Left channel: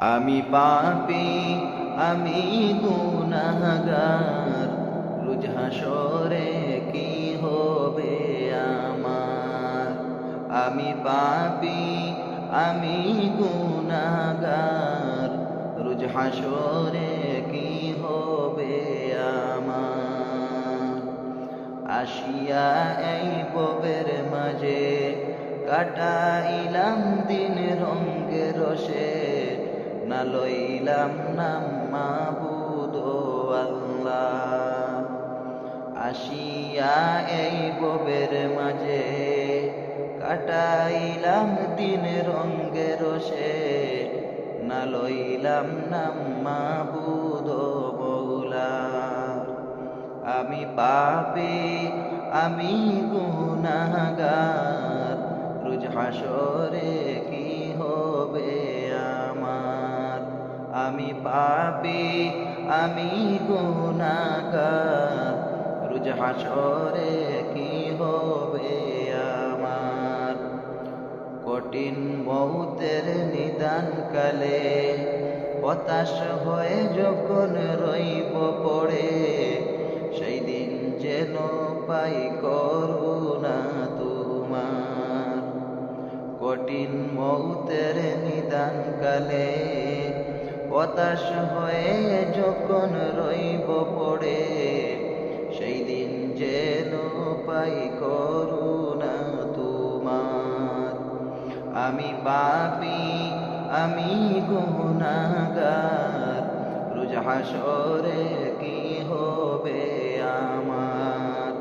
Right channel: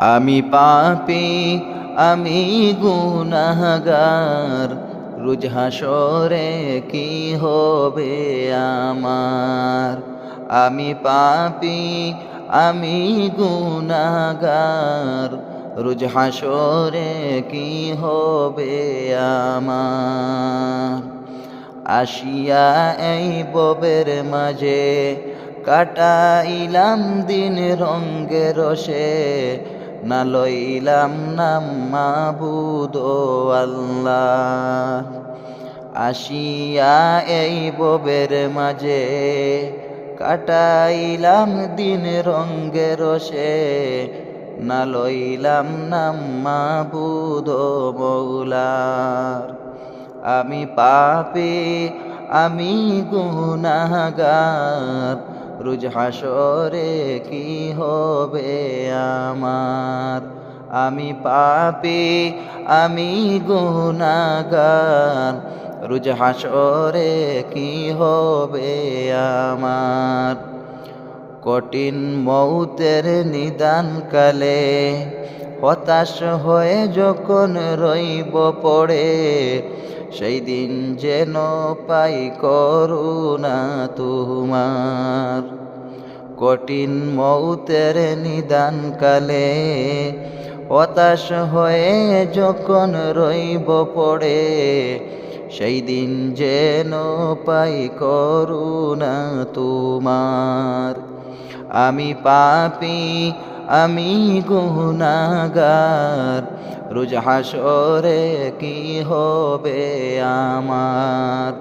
আমি পাপী, আমি গুনাহগার, রোজ হাসরে কি হবে আমার। আমি পাপী, আমি গুনাহগার, রোজ হাসরে কি হবে আমার। আসিয়া এই ববের মাঝে কাটাইলাম দিন রঙ্গে রসে, না লইলাম নাম মাবুদ আল্লাহ। আসিয়া এই ববের মাঝে কাটাইলাম দিন রঙ্গে রসে, না লইলাম নাম মাবুদ মৌলা। আমি পাপী, আমি গুনাহগার, রোজ হাসরে কি হবে আমার। আমি পাপী, আমি গুনাহগার, রোজ হাসরে কি হবে আমার। কঠিন মৌতের নিদান কালে হতাশ হয়ে যখন রইব পড়ে, সেই দিন যেন পাই করুণা তোমার। কঠিন মৌতের নিদান কালে হতাশ হয়ে যখন রইব পড়ে, সেই দিন যেন পাই করুণা তোমার। আমি পাপী, আমি গুনাহগার, রোজ হাসরে কি হবে আমার।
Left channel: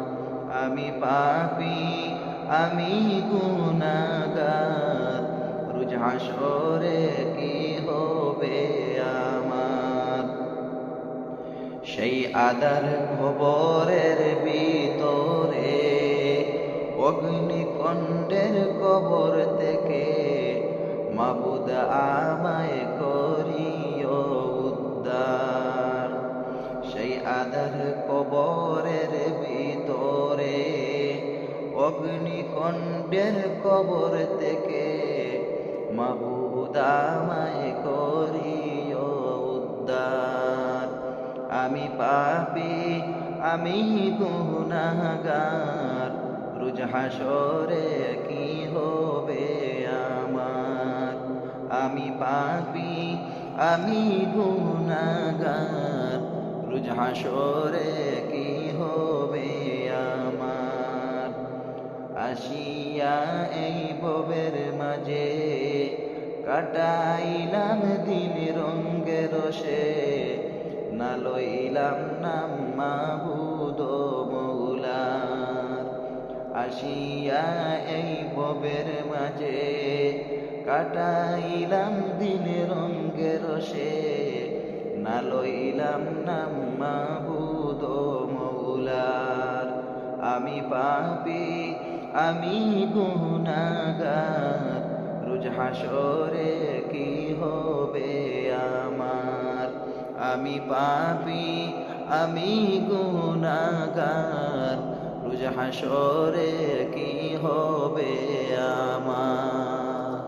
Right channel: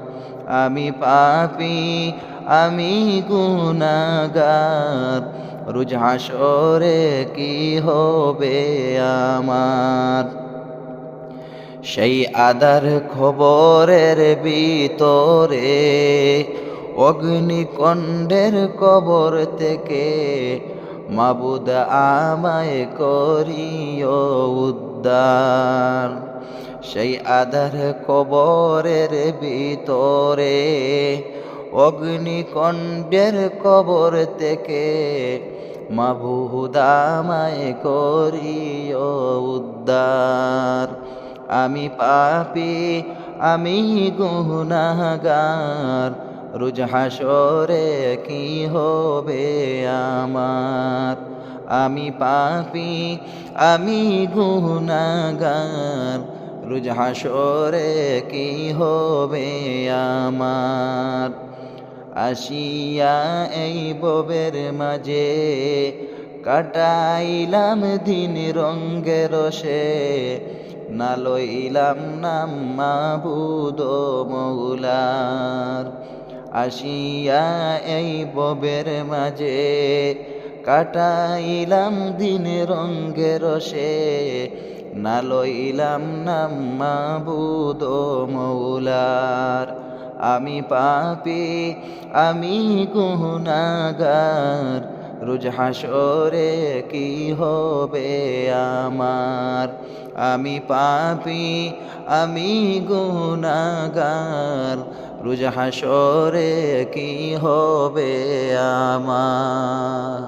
আমি পাপী, আমি গুনাহগার, রোজ হাসরে কি হবে আমার। সেই আদার খবরের ভিতরে অগ্নিকণ্ডের কবর থেকে মাবুদ আমায় করিও উদ্ধার। সেই আদার কবরের ভিতরে অগ্নিকণ্ডের কবর থেকে মাবুদ আমায় করিও উদ্ধার। আমি পাপী, আমি গুনাহগার, রোজ হাসরে কি হবে আমার। আমি পাপী, আমি গুনাহগার, রোজ হাসরে কি হবে আমার। আসিয়া এই ববের মাঝে কাটাইলাম দিন রঙ্গে রসে, না লইলাম নাম মাবুদ মৌলার। আসিয়া এই ববের মাঝে কাটাইলাম দিন রঙ্গে রসে, না লইলাম নাম মাবুদ মৌলার। আমি পাপী, আমি গুনাহগার, রোজ হাসরে কি হবে আমার। আমি পাপী, আমি গুনাহগার, রোজ হাসরে কি হবে আমার।